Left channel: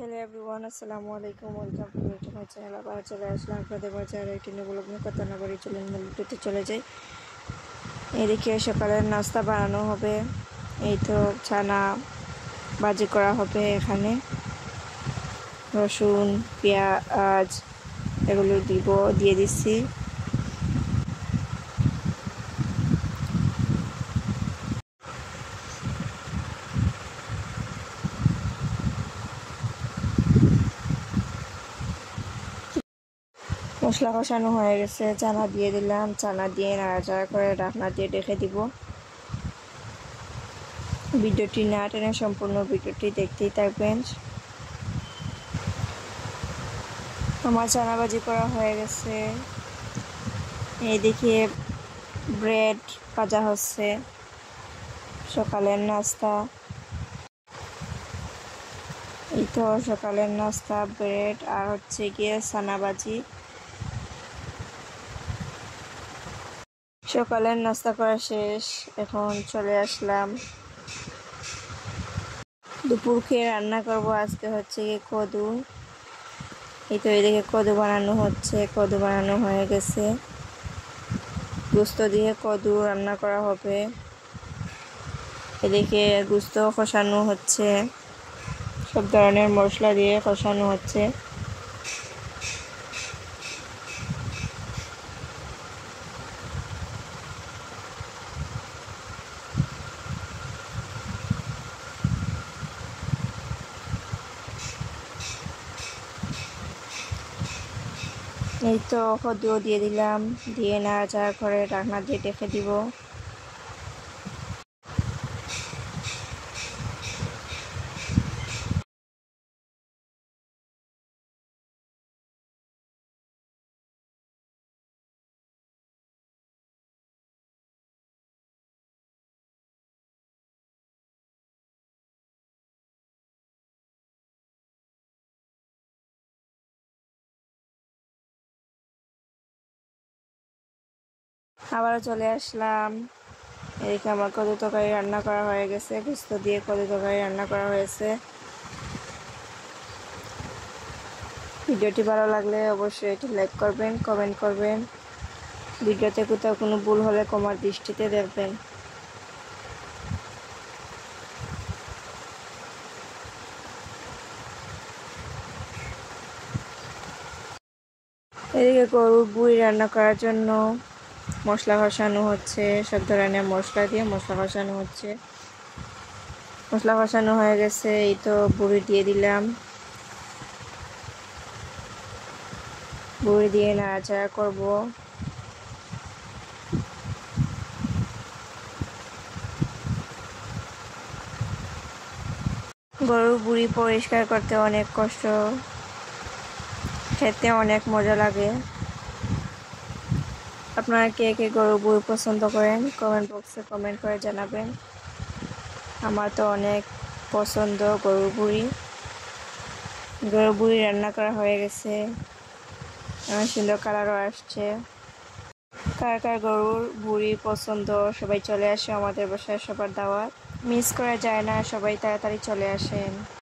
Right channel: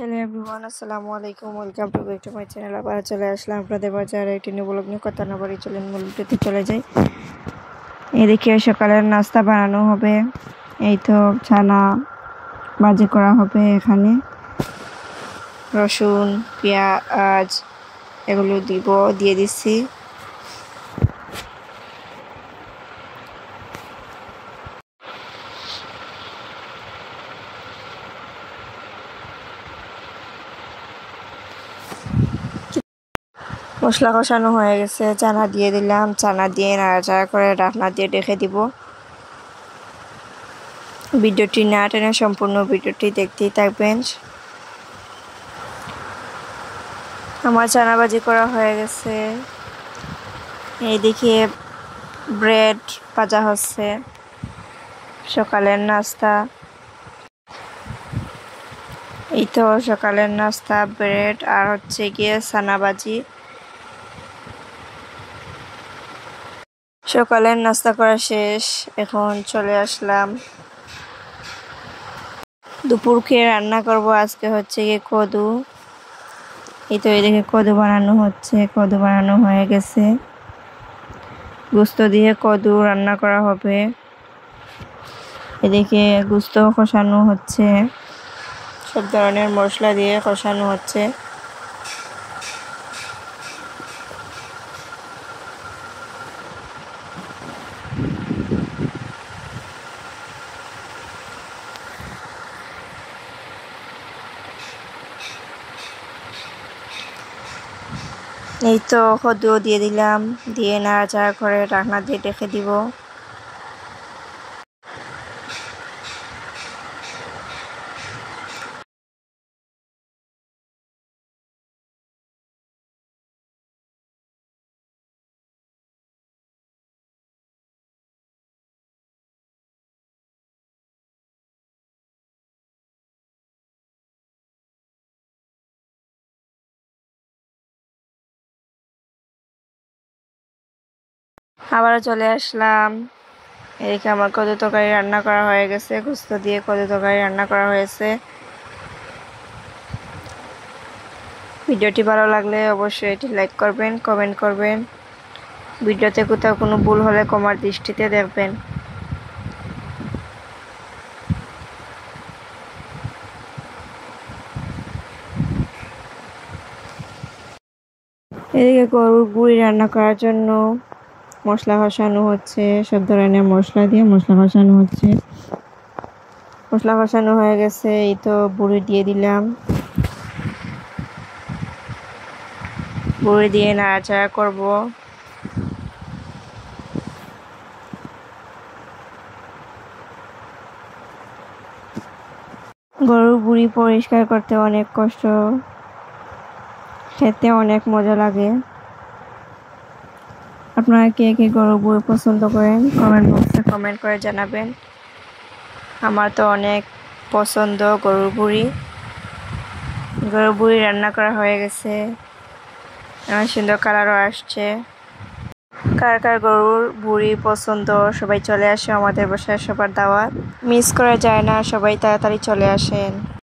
Hello everyone, আসসালামু আলাইকুম। Welcome to back to my channel. আবার চলে আসলাম আপনাদের বাজারে একটি নিউ ব্লগ নিয়ে। কথা না বাড়ি চলেন মূল ভিডিওতে চলে যাই। এদিকে সকালের নাস্তা বানানো হবে। এই তো ছানা ভাজি করা হবে। এখানে রসুন, পেঁয়াজ এগুলো দিয়ে দিচ্ছি। মশলা কষানো হয়ে গেছে, চানা দিয়ে দিলাম। চানা দিয়ে নাড়াচাড়া করে ঢাকনা দিয়ে রেখে দিব। ভিডিওটি না টেনে সম্পূর্ণ ভিডিওটি দেখতেই থাকবেন। আমার চানা ভাজি করা হয়ে গেছে। এইদিকে ব্রেড ভাজা হচ্ছে, সকালের নাস্তা। এই তো সকালের নাস্তা, ব্রেড আর হচ্ছে গিয়ে চানা ভাজি। সকালের নাস্তা করা শেষ, এখন চলে আসলাম দুপুরকে রান্না করব। আজকে হচ্ছে গিয়ে কদু। এই তো এদিকে কদু বানানো হচ্ছে, কদু বানানো হয়ে গেছে। গোস্ত দিয়ে কদু রান্না করা হবে। এদিকে গোস্ত কষানো হচ্ছে, সব ধরনের মশলা দিয়ে কষানো হচ্ছে। এই তো কদুও দিয়ে দিলাম, দিয়ে নাড়াচাড়া করে ঢাকনা দিয়ে রেখে দিব। আবারও চলে আসলাম। এদিকে আমার কদু তরকারি রান্না করা হয়ে গেছে, গোস্ত দিয়ে কদু তরকারি রান্না করা হয়েছে। ভিডিওটি ভালো লাগলে অবশ্যই এটি লাইক করবেন, কমেন্ট করবেন। ভিডিওতে কোথাও কোনো ভুল হলে ক্ষমার দৃষ্টিতে দেখবেন। এদিকে গরুর বুড়ি রান্না করার জন্য মশলা কষানো হচ্ছে, সব ধরনের মশলা দিয়ে মশলা কষানো হচ্ছে। মশলা কষানো হয়ে গেছে, এই তো বুড়ি দিয়ে দিলাম। বুড়ি দিয়ে নাড়াচাড়া করব। গরুর বুড়ি পরিষ্কার করতে অনেক কষ্ট, খেতে অনেক মজা লাগে। আপনারা কে কে গরুর বুড়ি পছন্দ করেন কমেন্ট বক্সে কমেন্ট করে জানাবেন। আমার তো অনেক পছন্দ গরুর বুড়ি। গরুর বুড়ি রান্না করা হয়ে গেছে, অনেক সুন্দর কালারও আসছে। কার কার গরুর বুড়ি পছন্দ সবাই চলে আসে আমাদের বাসায়, সবার দাওয়াত মিস করা যায় না। সবাই তাড়াতাড়ি চলে আসেন।